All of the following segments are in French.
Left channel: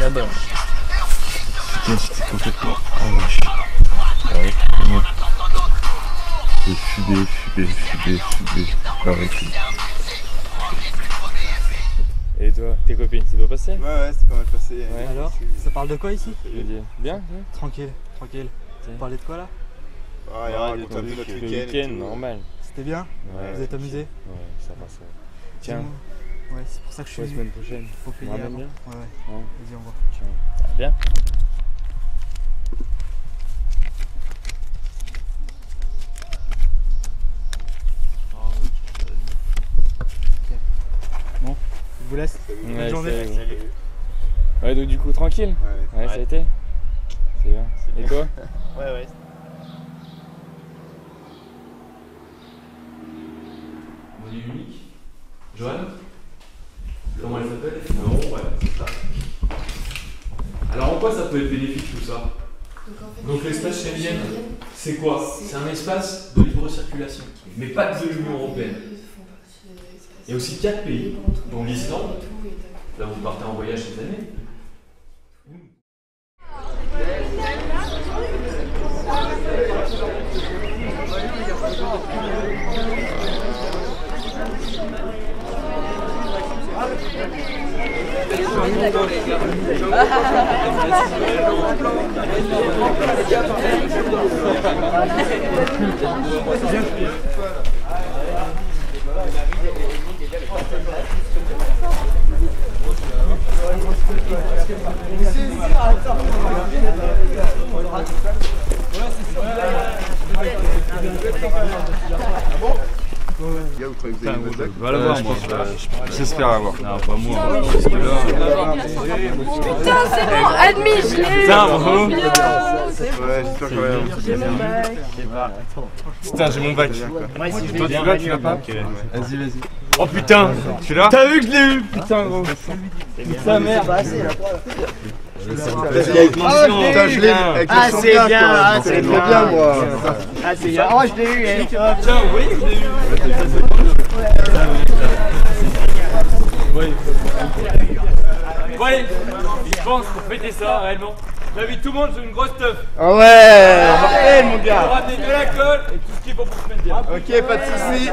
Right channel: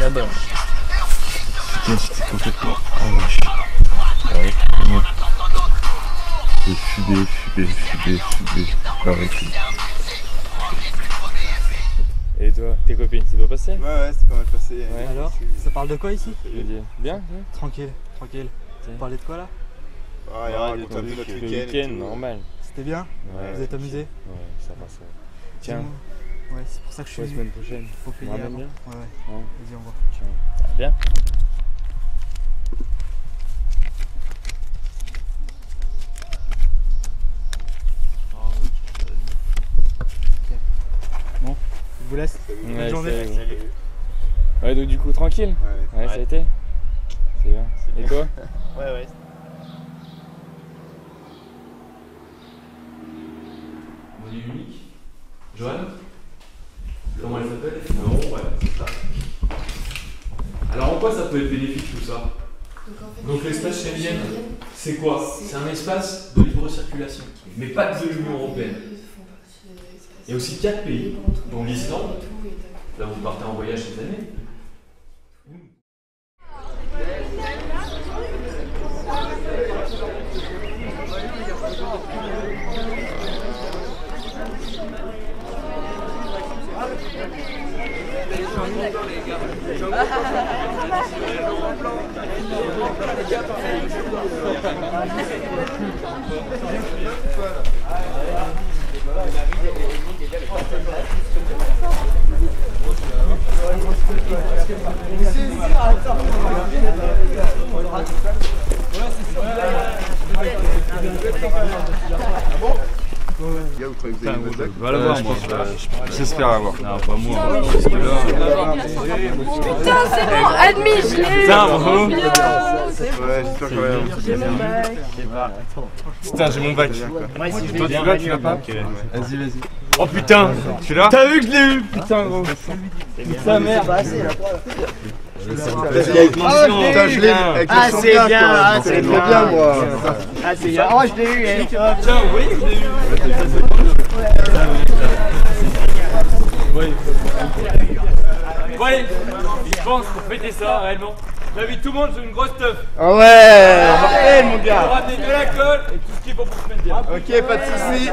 Là-bas. C'est complètement arraché. Ouais. Et fumer. Arrêtez. Et toi, tes copines, c'est pas passé? Ouais, c'est pas mal passé. Ouais. Alors, ça parle de quoi ici? Bien. Tranquille. Vous parlez de quoi là? Ah, il y a notre week-end. Normal. C'était bien? Ouais, vous êtes amusé? Ouais, ça va. Tiens. Ouais, c'est pour ça que je suis la semaine prochaine. Faut payer avant. Bien. Ouais. Vas-y, on va. Tiens. Ça va bien? Bon, je vous laisse. Bonne journée. Salut. Ouais, donc du coup, tranquille? Ouais, ça a été? C'est bien. Et toi? Ouais. Monnaie unique. Joanne? Comment elle s'appelle? Non, ouais, c'est ça. Alors en quoi ça peut être bénéfique tout ça? Donc l'espace Schengen, c'est quoi? C'est un espace de libre circulation, mais pas de l'Union Européenne. Il y a aussi 4 pays, dont l'Islande. Là vous partez en voyage cette année. Va la voir, moi. J'espère avoir. Non, pas moi. Parce que là. Putain, c'est bon, admis, je l'ai eu. Putain, bravo. Ouais, j'espère quand même. j'ai mon bac. Putain, j'ai mon bac. Toi, tu l'as, tu l'as pas? Vas-y. Oh putain, Tu l'as? T'as vu que je l'ai eu? Putain, gros. Putain, merde. Putain, je l'ai eu. Ah, c'est bien, c'est trop bien, moi. Ah, c'est bien. Oh, je l'ai eu. Tiens, vous voyez que je l'ai eu? Bon allez, je pense pour fêter ça réellement, j'invite tout le monde sur une grosse teuf. Ah ouais, mortel mon On va gars. ramener de l'alcool et tout ce qui est bon pour se mettre bien. Ok, pas de soucis.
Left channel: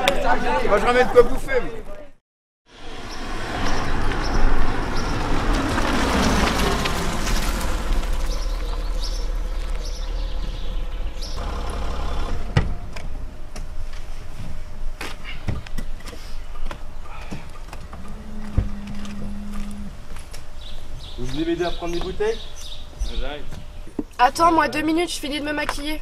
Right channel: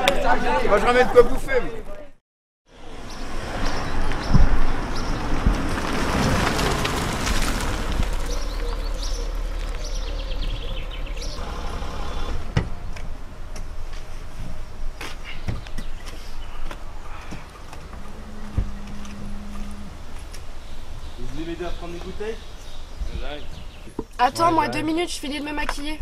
Moi je ramène quoi bouffer. Vous voulez m'aider à prendre des bouteilles? J'arrive. Attends, moi 2 minutes, je finis de me maquiller.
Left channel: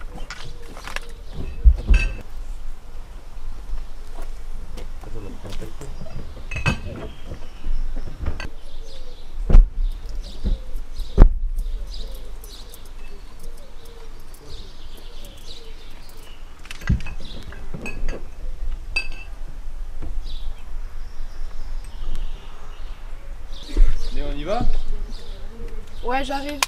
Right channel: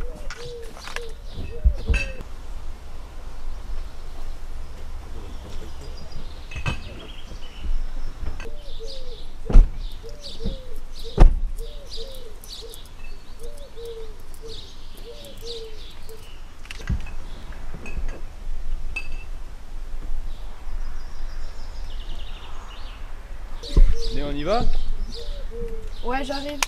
Et on y va? Ouais, j'arrive.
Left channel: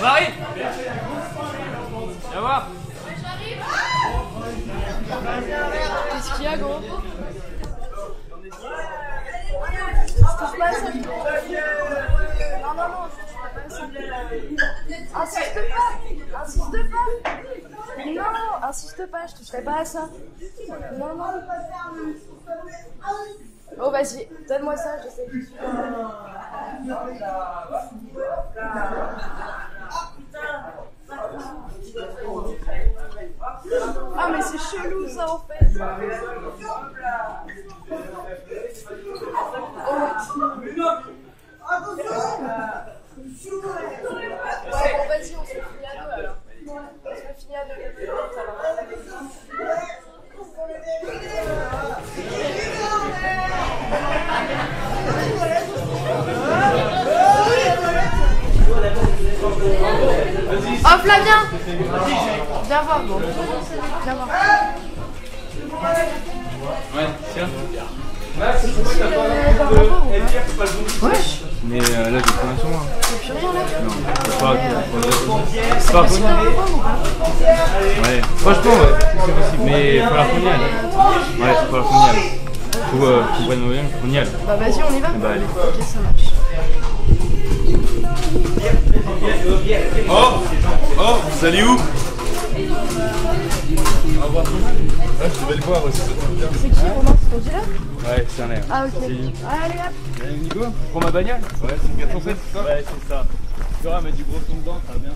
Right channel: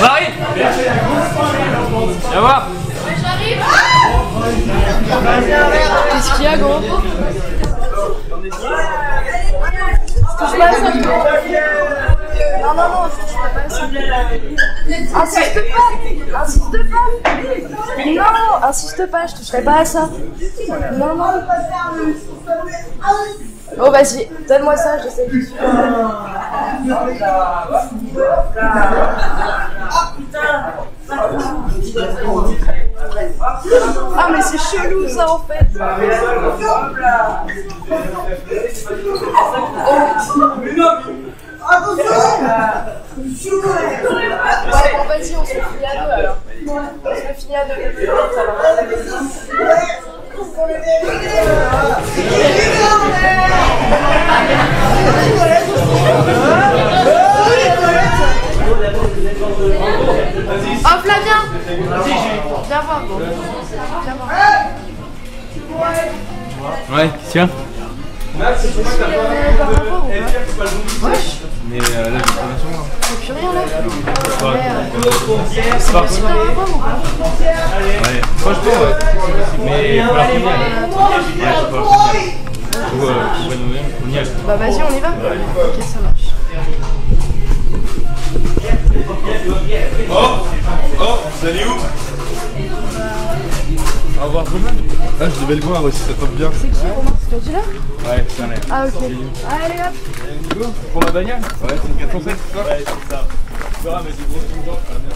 Marie! Viens voir! Qu'est-ce qu'il y a, gros? Touche pas à ça, gros. Non, je touche pas à ça. Insiste pas! Non, insiste pas, je toucherai pas à ça. Non. Oh, vas-y, donne-moi ça, j'essaie. Ah, mais c'est chelou ça en fait. bon, vas-y, on se le finit à deux alors. On se le finit à deux. Oh Flavien, viens voir, bon. Viens voir. Ouais, tiens. Par rapport ou pas? Ouais. Mais là, j'ai pas sur moi. Y'a plus rien là? C'est pas C'est par rapport ou pas? Ouais, franchement, ouais, c'est possible. Mais il faut la qu'on y aille. Ouais, il faut falloir qu'on y aille. Faut qu'on y aille. Bah vas-y, on y va. Bah, allez. Ok, ça marche. Oh, vous allez où? Au revoir Romain. Ah, je devais le voir aussi, ça tombe bien. C'est qui Romain? C'est ton dealer? Ouais, c'est un air. Ah ok. Allez hop. Nico, tu prends ma bagnole? Ouais, c'est une 407, c'est ça? Ouais, c'est ça. Tu verras, mais du gros ton dedans, ça va bien.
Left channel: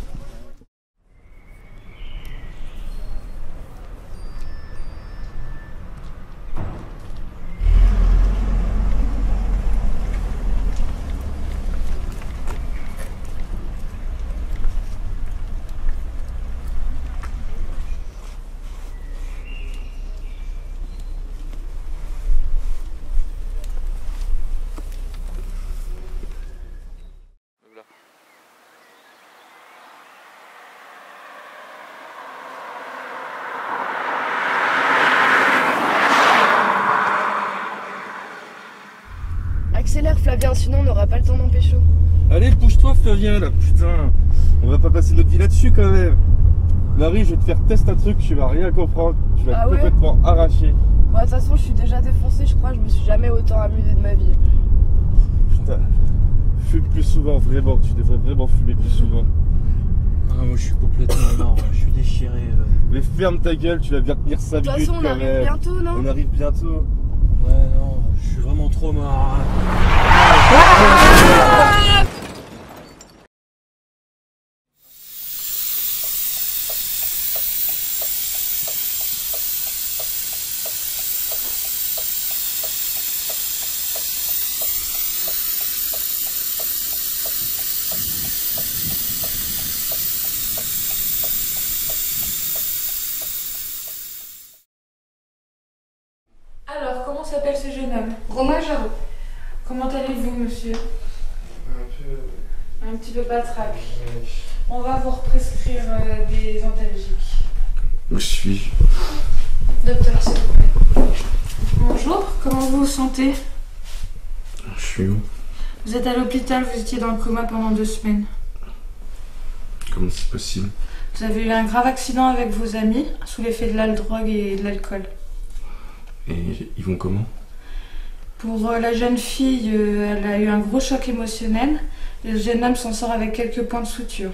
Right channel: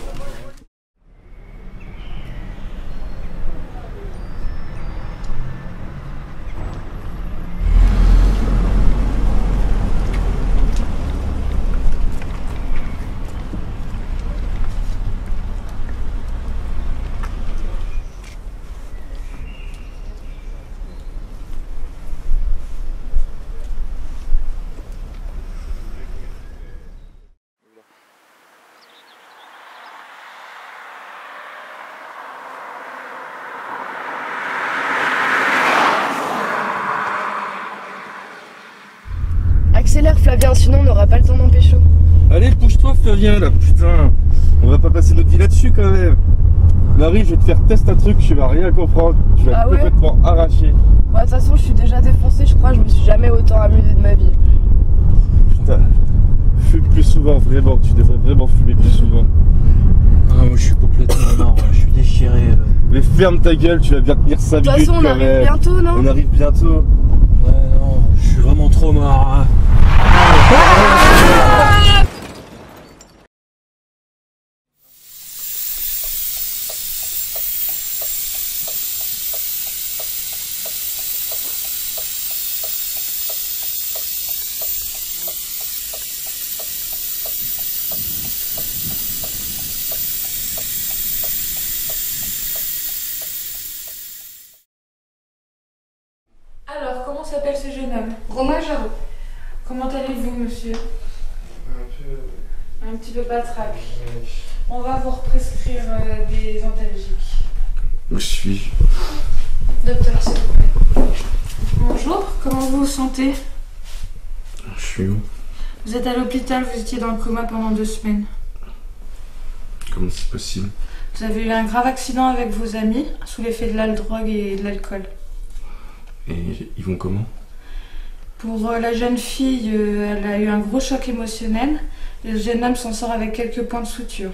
Accélère Flavien, sinon on n'aura pas le temps d'en pécho. Allez, pousse-toi Flavien là, putain. On va pas passer notre vie là-dessus quand même. Marie, je vais te faire tester un truc, tu vas rien comprendre. Tu vas Ah être ouais complètement arraché. Bon, de toute façon, je suis déjà défoncée, je crois, je me suis jamais autant amusée de ma vie. Putain, fume plus souvent, vraiment. Tu devrais vraiment fumer plus souvent. Ah, moi je suis complètement mort, je suis déchiré. Mais ferme ta gueule, tu vas bien tenir 5 De toute minutes façon, on quand arrive même. bientôt, non? On arrive bientôt. Ouais, non, je suis vraiment trop mort. Hein. Alors, comment s'appelle ce jeune homme? Romain Jarreau. Comment allez-vous, monsieur? Un petit peu patraque. On va vous prescrire des antalgiques. Où suis-je? Docteur, s'il vous plaît. Bonjour, comment vous vous sentez? Je suis où? Vous êtes à l'hôpital, vous étiez dans le coma pendant 2 semaines. Comment c'est possible? Vous avez eu un grave accident avec vos amis, sous l'effet de la drogue et de l'alcool. Et ils vont comment? Pour la jeune fille, elle a eu un gros choc émotionnel. Le jeune homme s'en sort avec quelques points de suture.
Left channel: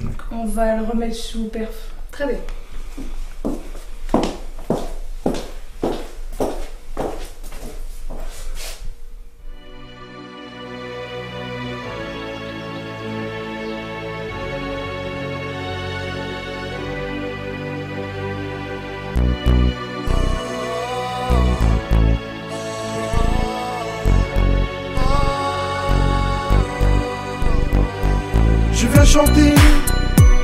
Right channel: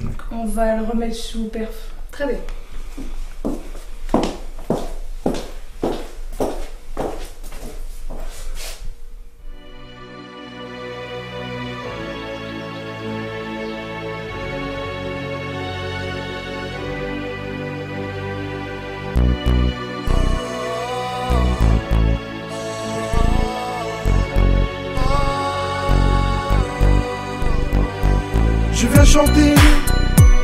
D'accord. On va le remettre sous perf. Très bien. Je viens chanter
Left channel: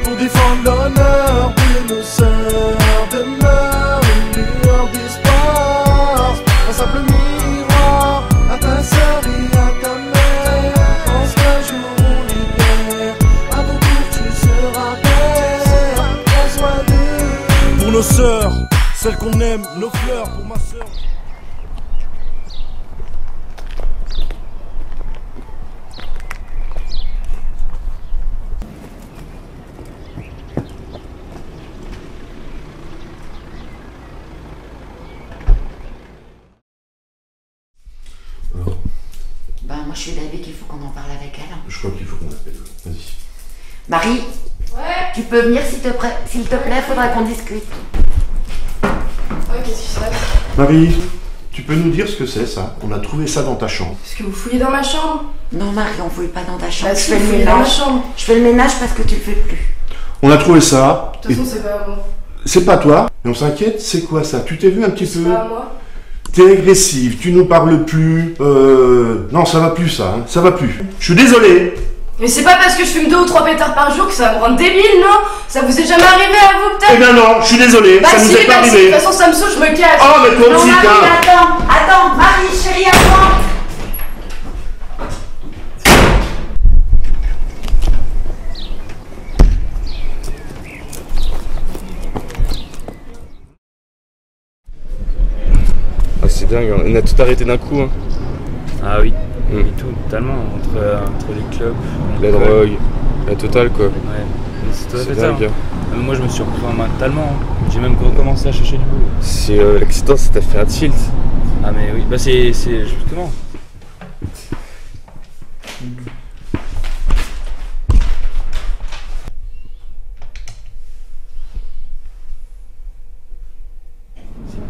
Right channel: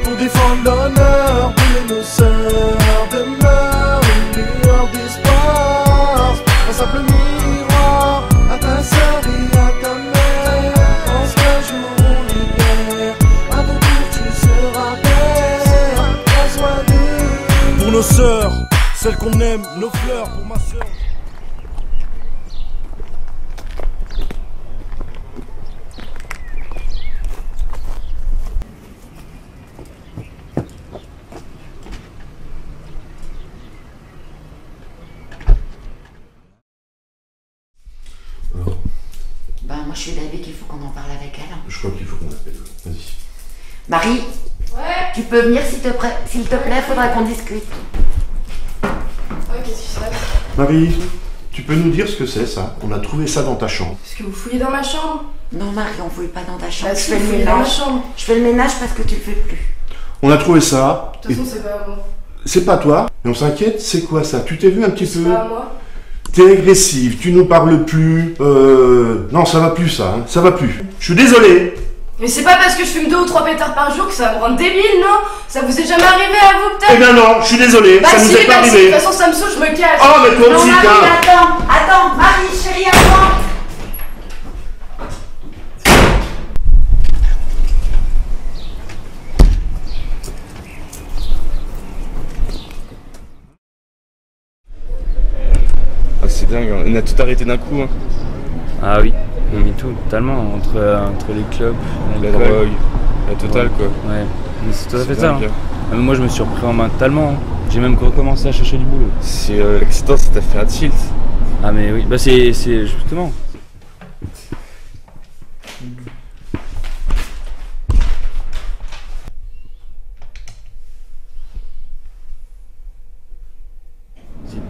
pour défendre l'honneur de nos sœurs. Demeure une lueur d'espoir, un simple miroir à ta sœur et à ta mère. Pense qu'un jour on libère, à ton tour tu seras père. Prends soin d'eux. Pour nos sœurs, celles qu'on aime, nos fleurs pour ma sœur. Ben, moi je suis d'avis qu'il faut qu'on en parle avec elle. Je crois qu'il faut qu'on l'appelle. Vas-y. Marie, Ouais. tu peux venir s'il te plaît, faudra qu'on discute. Ouais, qu'est-ce qui se passe? Marie, tu peux nous dire ce que c'est ça? On a trouvé ça dans ta chambre. Parce que vous fouillez dans ma chambre? Non Marie, on fouille pas dans ta chambre. Bah je si, fais vous le fouillez dans ma ménage. chambre. Je fais le ménage parce que tu le fais plus. On a trouvé ça. De toute façon, c'est pas à moi. C'est pas toi. Et on s'inquiète, c'est quoi ça? Tu t'es vu un petit C'est peu? pas à moi. T'es agressive, tu nous parles plus. Non, ça va plus ça, hein. Ça va plus. Je suis désolé. Mais c'est pas parce que je fume 2 ou 3 pétards par jour que ça va me rendre débile, non? Ça vous est jamais arrivé à vous, peut-être? Eh ben non, je suis désolé, Bah ça si, nous est pas bah si, de arrivé. toute façon ça me saoule, je me cache. Oh, mais toi aussi, Marie, tiens. attends, Marie, chérie, attends. Ah, c'est dingue, on a tout arrêté d'un coup. Hein. Ah oui, oui, tout, totalement, entre les clubs, La drogue, la totale quoi. Ouais, mais c'est tout à C'est fait ça. dingue, Hein. Ah, mais moi je me suis repris en main totalement. Hein. J'ai même recommencé à chercher du boulot. C'est l'accident, ça t'a fait un tilt. Ah mais oui, bah c'est justement.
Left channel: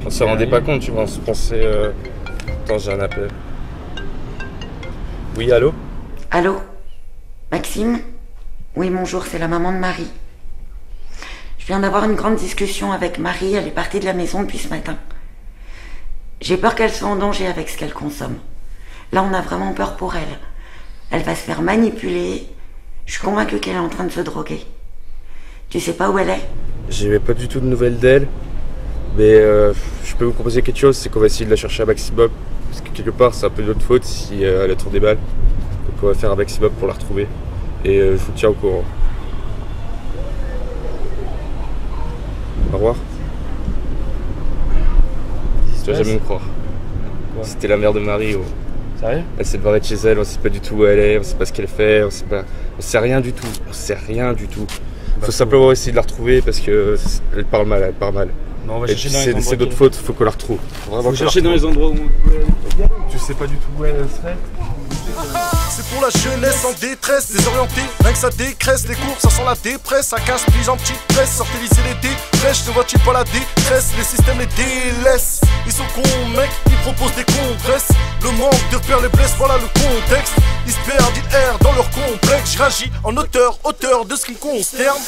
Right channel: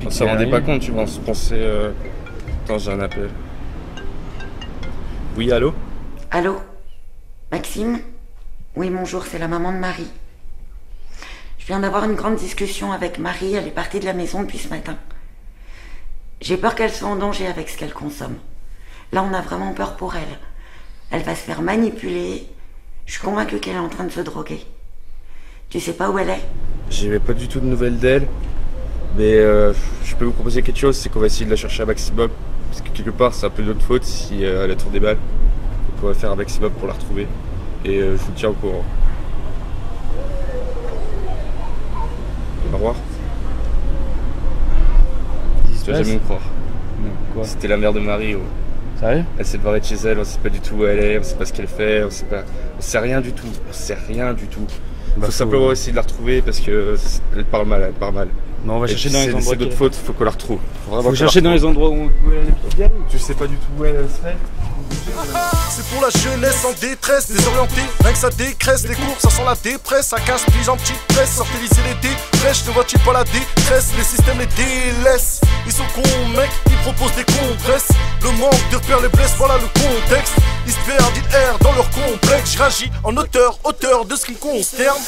On s'en rendait pas compte, tu vois, on se pensait... Attends, j'ai un appel. Oui, allô? Allô? Maxime? Oui, bonjour, c'est la maman de Marie. Je viens d'avoir une grande discussion avec Marie, elle est partie de la maison depuis ce matin. J'ai peur qu'elle soit en danger avec ce qu'elle consomme. Là, on a vraiment peur pour elle. Elle va se faire manipuler. Je suis convaincue qu'elle est en train de se droguer. Tu sais pas où elle est? J'ai pas du tout de nouvelles d'elle. Mais je peux vous proposer quelque chose, c'est qu'on va essayer de la chercher à maximum. Parce que quelque part, c'est un peu notre faute si elle a tourné des balles. Donc on va faire un maximum pour la retrouver. Et je vous tiens au courant. Au revoir. Tu vas jamais me croire. Quoi? C'était la mère de Marie. Oh. Sérieux? Elle s'est barrée de chez elle, on sait pas du tout où elle est, on sait pas ce qu'elle fait, on sait rien du tout. On sait rien du tout. Faut simplement essayer de la retrouver parce que elle parle mal, elle parle mal. Non, on va chercher dans les endroits. C'est notre faute, faut qu'on la retrouve. Faut chercher dans les endroits où on peut aller. Tu sais pas du tout où elle serait? C'est pour la jeunesse en détresse, désorientée, rien que ça dégraisse. Les cours, ça sent la dépresse, ça casse pige en petite presse. Sortez lisez les défraiches, ne vois-tu pas la détresse? Les systèmes les délaissent, ils sont cons mecs, ils proposent des compresses. Le manque de repères les blesse, voilà le contexte. Ils se perdent, ils errent dans leur complexe. Je réagis en auteur de ce qui me consterne.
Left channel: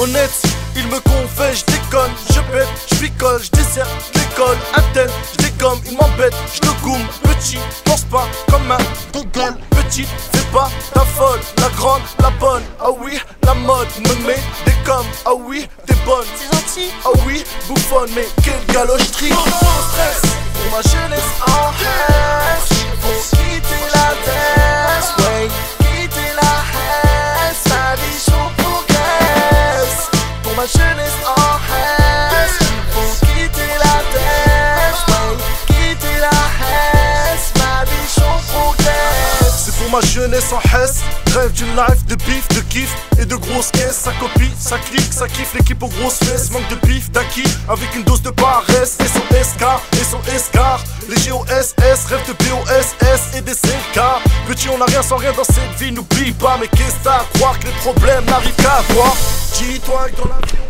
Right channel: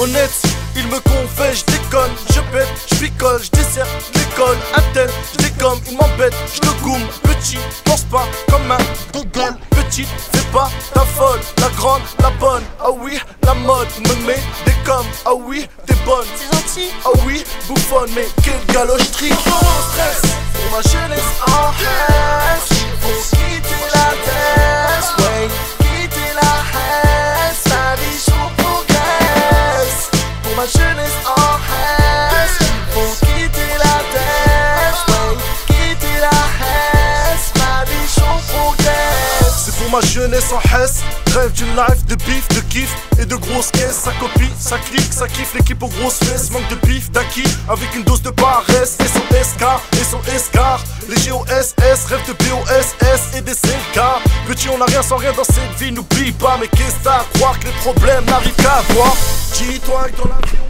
Honnête, ils me confessent, je déconne, je pète, je picole, je dessert l'école. Un tel, je dégomme, il m'embête, je le goume. Petit, pense pas comme un google. Petite, fais pas ta folle, la grande, la bonne. Ah oui, la mode me met des coms. Ah oui, t'es bonne, c'est gentil. Ah oui, bouffonne, mais quelle galocherie. Stress pour ma jeunesse en haine. Faut quitter la tête, ouais, quitter la haine. La vie chaud progresse. Pour ma jeunesse en haine. Faut quitter la tête, ouais, quitter la haine. La vie chaud progresse. C'est pour ma jeunesse en hesse. Rêve d'une life de bif, de kiff et de grosses caisses. Ça copie, ça clique, ça kiffe l'équipe aux grosses fesses. Manque de bif, d'acquis, avec une dose de paresse. Et son SK, et son escar. Les GOSS, rêve de BOSS et des CK. Petit, on n'a rien sans rien dans cette vie, n'oublie pas. Mais qu'est-ce t'as à croire que les problèmes n'arrivent qu'à voir? Dis-toi que dans l'avion.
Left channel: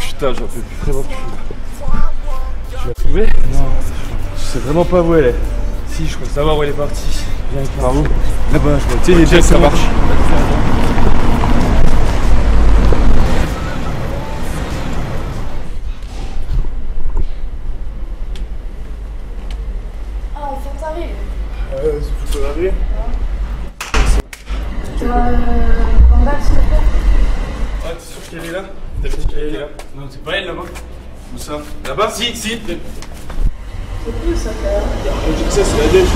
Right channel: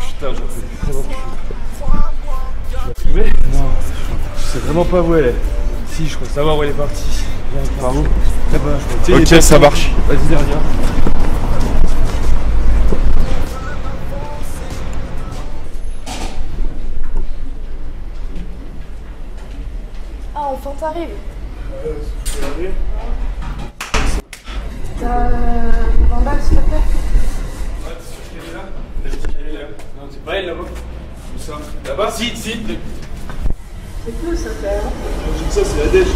Putain, j'en peux plus vraiment plus. Tu l'as trouvé? Non, je sais vraiment pas où elle est. Si, je crois savoir où elle est partie. Viens avec moi. Par où? Là-bas, je crois. Tu sais, les deux, ça marche. Vas-y, viens. Ah, enfin t'arrives. Tu peux l'arriver? T'as un balle, s'il te plaît? Ah, t'es sûr qu'elle est là? T'as dit qu'elle est là? Non, c'est pas elle là-bas. Où ça? Là-bas? Si. C'est plus ça quand même. J'ai dit ça, c'est la dèche.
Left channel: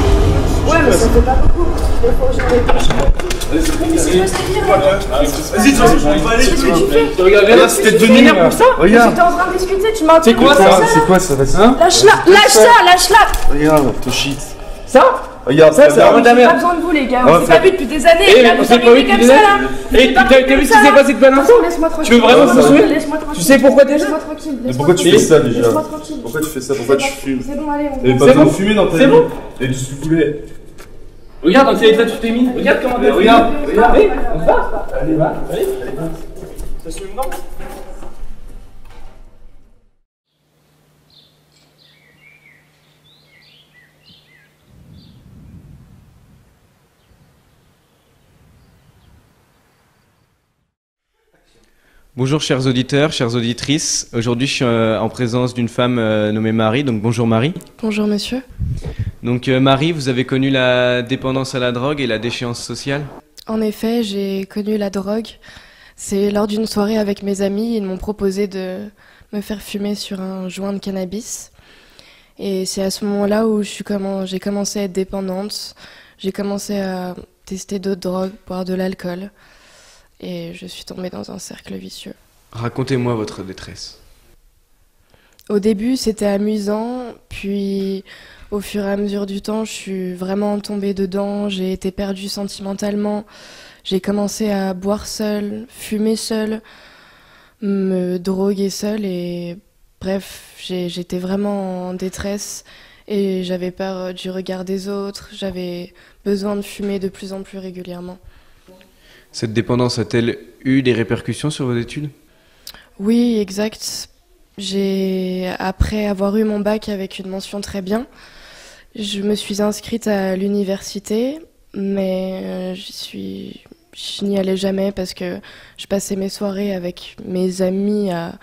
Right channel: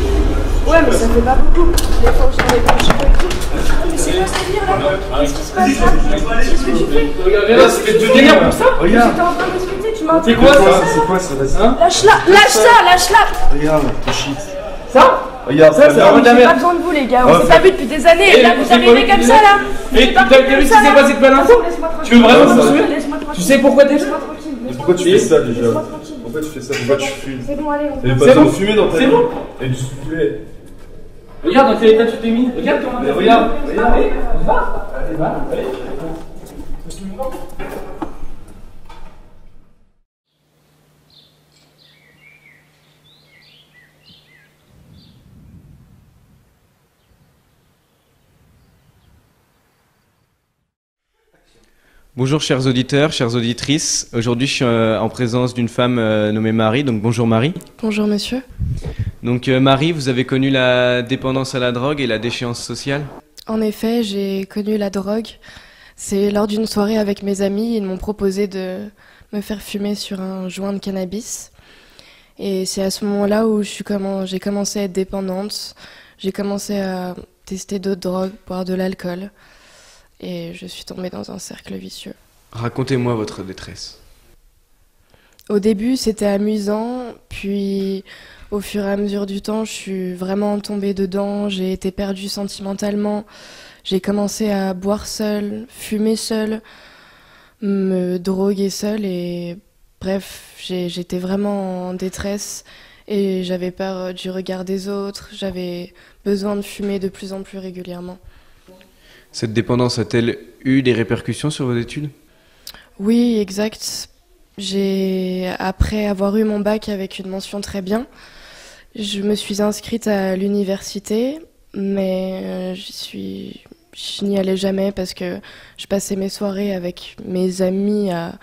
Ouais, mais ça fait pas beaucoup. Les fois où j'en ai pris, je sais pas tout. Mais c'est quoi ce délire là? Vas-y, on va aller. Qu'est-ce que tu fais? Regarde, là, c'était de venir pour ça? Regarde. J'étais en train de discuter, tu m'as C'est quoi ça? C'est quoi ça? Vas-y. Lâche-la! Regarde, ton shit. Ça? Regarde, ça, c'est J'ai pas besoin de vous les gars, on s'est pas vu depuis des années. Là, vous arrivez comme ça là. Et t'as vu ce qui s'est passé de bonne info? Laisse-moi tranquille. Tu veux vraiment me sauver? Laisse-moi tranquille. Tu sais pourquoi t'es là? Laisse-moi tranquille. Pourquoi tu fais ça déjà? Laisse-moi tranquille. Pourquoi tu fais ça? Pourquoi tu fumes? C'est bon, allez, on T'avais va. pas besoin de fumer dans ta vie. C'est bon. Et du poulet. Regarde dans quel état tu t'es mis. Regarde comment t'es. Regarde. Allez, on va. Allez, va. Allez. Ça se met dedans. Bonjour chers auditeurs, chères auditrices. Aujourd'hui je suis en présence d'une femme nommée Marie, donc bonjour Marie. Bonjour monsieur. Donc Marie, vous avez connu la dépendance à la drogue et la déchéance sociale? En effet, j'ai connu la drogue. C'est lors d'une soirée avec mes amis, ils m'ont proposé de me faire fumer sur un joint de cannabis. Et c'est à ce moment-là où j'ai commencé à être dépendante. J'ai commencé à tester d'autres drogues, boire de l'alcool. Et je suis tombée dans un cercle vicieux. Racontez-moi votre détresse. Au début, c'était amusant, puis au fur et à mesure du temps, je suis vraiment tombée dedans, j'ai été perdue sentimentalement, j'ai commencé à boire seule, fumer seule, me droguer seule et bref, j'étais vraiment en détresse et j'avais peur du regard des autres, j'avais besoin de fumer de plus en plus régulièrement. Cette dépendance a-t-elle eu des répercussions sur vos études ? Oui, exact. Après avoir eu mon bac avec une mention très bien, je me suis inscrite à l'université, mais je n'y allais jamais parce que je passais mes soirées avec mes amis à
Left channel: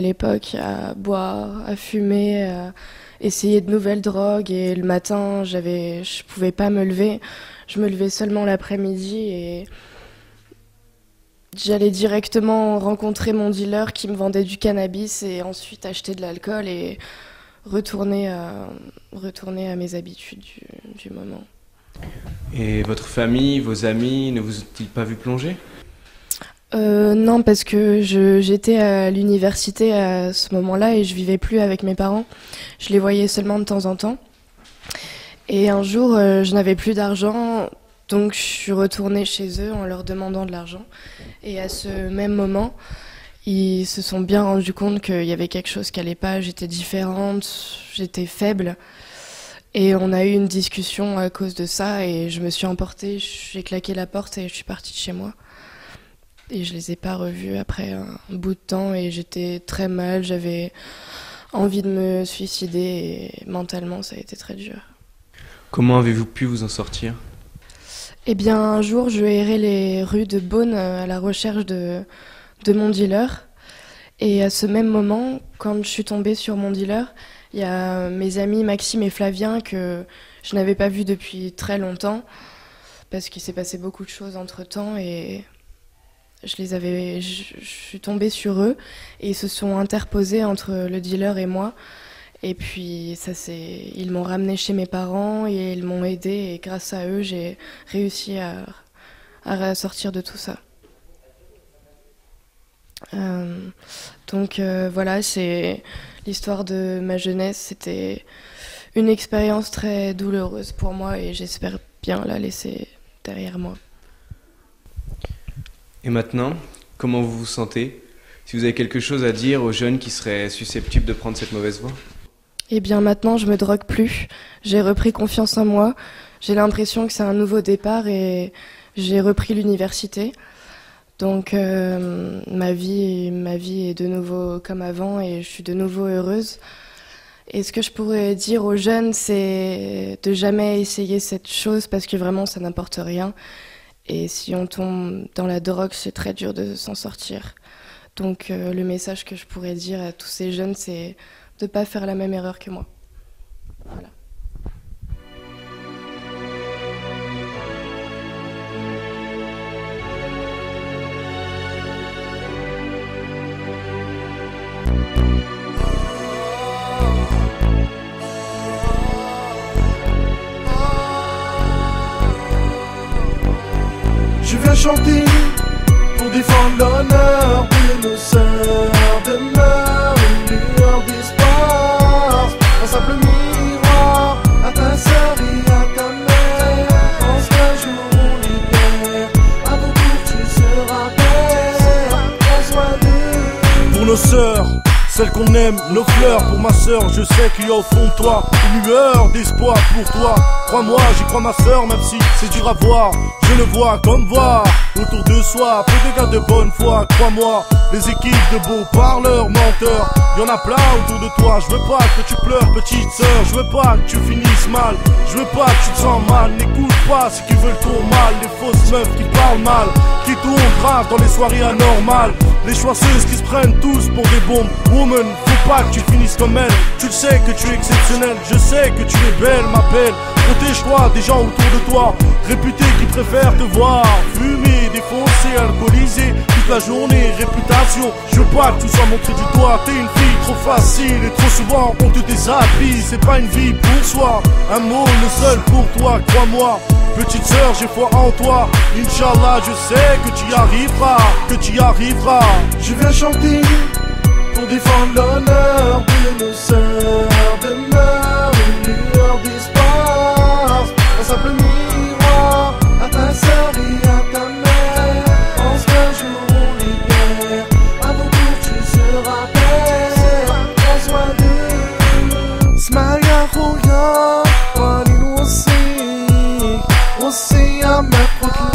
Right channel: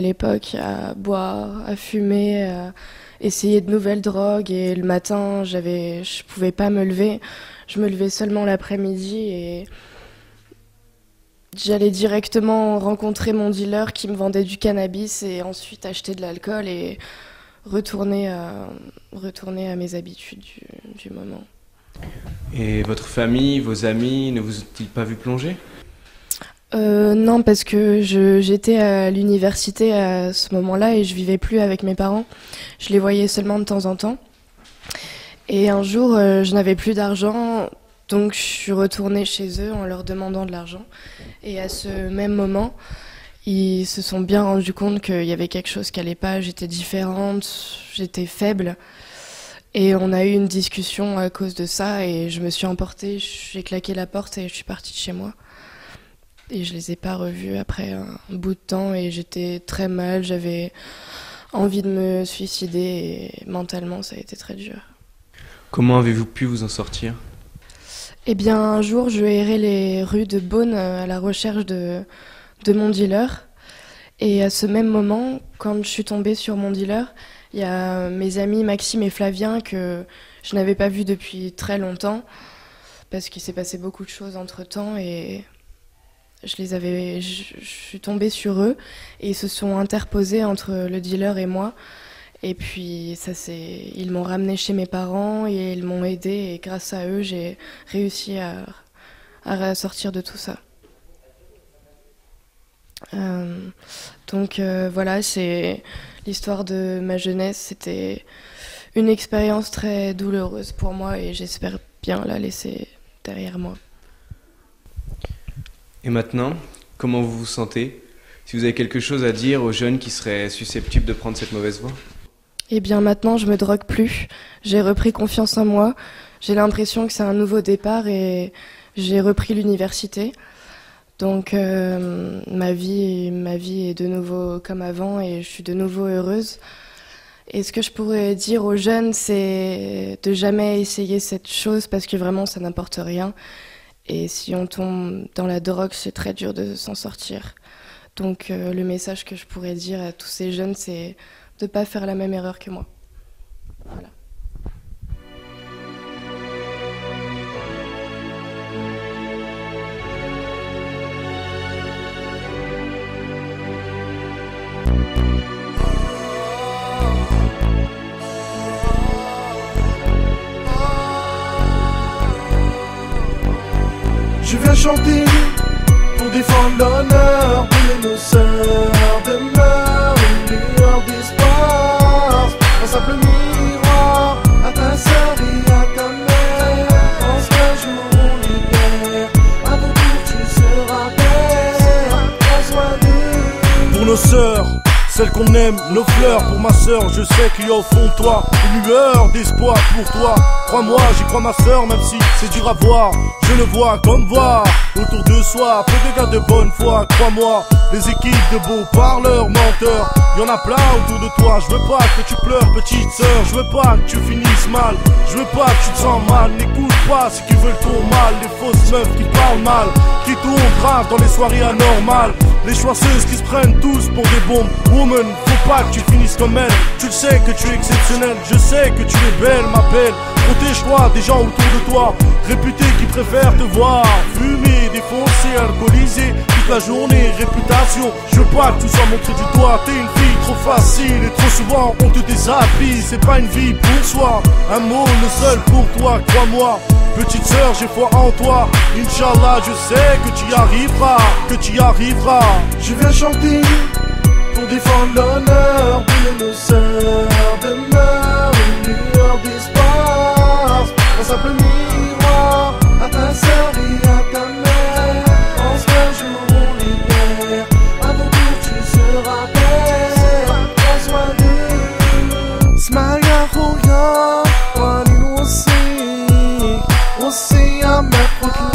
l'époque à boire, à fumer, à essayer de nouvelles drogues et le matin, je pouvais pas me lever. Je me levais seulement l'après-midi et j'allais directement rencontrer mon dealer qui me vendait du cannabis et ensuite acheter de l'alcool et retourner à mes habitudes du moment. Et votre famille, vos amis, ne vous ont-ils pas vu plonger ? Non, parce que j'étais à l'université à ce moment-là et je vivais plus avec mes parents. Je les voyais seulement de temps en temps. Et un jour, je n'avais plus d'argent, donc je suis retournée chez eux en leur demandant de l'argent. Et à ce même moment, ils se sont bien rendus compte qu'il y avait quelque chose qui allait pas. J'étais différente, j'étais faible. Et on a eu une discussion à cause de ça et je me suis emportée, j'ai claqué la porte et je suis partie de chez moi. Et je les ai pas revus après un bout de temps et j'étais très mal, j'avais envie de me suicider et mentalement ça a été très dur. Comment avez-vous pu vous en sortir ? Eh bien un jour je errais les rues de Beaune à la recherche de mon dealer et à ce même moment, quand je suis tombée sur mon dealer, il y a mes amis Maxime et Flavien que je n'avais pas vus depuis très longtemps parce qu'il s'est passé beaucoup de choses entre-temps et je suis tombée sur eux et ils se sont interposés entre le dealer et moi. Et puis ils m'ont ramenée chez mes parents et ils m'ont aidée et grâce à eux, j'ai réussi à sortir de tout ça. Donc voilà, c'est l'histoire de ma jeunesse. C'était une expérience très douloureuse pour moi et j'espère bien la laisser derrière moi. Et maintenant, comment vous vous sentez ? Si vous avez quelque chose à dire aux jeunes qui seraient susceptibles de prendre cette mauvaise voie ? Eh bien maintenant, je me drogue plus. J'ai repris confiance en moi. J'ai l'impression que c'est un nouveau départ et j'ai repris l'université. Donc ma vie est de nouveau comme avant et je suis de nouveau heureuse. Et ce que je pourrais dire aux jeunes, c'est de jamais essayer cette chose parce que vraiment ça n'apporte rien. Et si on tombe dans la drogue, c'est très dur de s'en sortir. Donc le message que je pourrais dire à tous ces jeunes, c'est de ne pas faire la même erreur que moi. Voilà. Je viens chanter pour défendre l'honneur de nos sœurs. Demeure une lueur d'espoir, un simple miroir à ta sœur et à ta mère. Pense qu'un jour on libère, à ton tour tu seras père. Prends soin d'eux. Pour nos sœurs, celles qu'on aime, nos fleurs. Pour ma sœur, je sais qu'il y a au fond de toi une lueur d'espoir pour toi. Crois-moi, j'y crois ma sœur, même si c'est dur à voir. Je le vois comme voir autour de soi, peu de gars de bonne foi. Crois-moi, les équipes de beaux parleurs, menteurs, y'en a plein autour de toi. Je veux pas que tu pleures, petite sœur. Je veux pas que tu finisses mal. Je veux pas que tu te sens mal. N'écoute pas ceux qui veulent ton mal, les fausses meufs qui parlent mal, qui tournent grave dans les soirées anormales, les choisseuses qui se prennent tous pour des bombes. Woman, faut pas que tu finisses comme elle. Tu le sais que tu es exceptionnelle, je sais que tu es belle, ma belle. Protège-toi des gens autour de toi, réputés qui préfèrent te voir fumer, défoncer, alcoolisé toute la journée. Réputation, je veux pas que tu sois montré du doigt. T'es une fille trop facile et trop souvent on te déshabille. C'est pas une vie pour soi, un mot le seul pour toi, crois-moi. Petite sœur, j'ai foi en toi. Inch'Allah, je sais que tu y arriveras, que tu y arriveras. Je viens chanter pour défendre l'honneur de nos sœurs. Demeure une lueur d'espoir, un simple miroir à ta sœur et à ta mère. Pense qu'un jour on est père, à ton tour tu seras père. Prends soin d'eux. Smaya Roya, Walin Wossi, Wossi à ma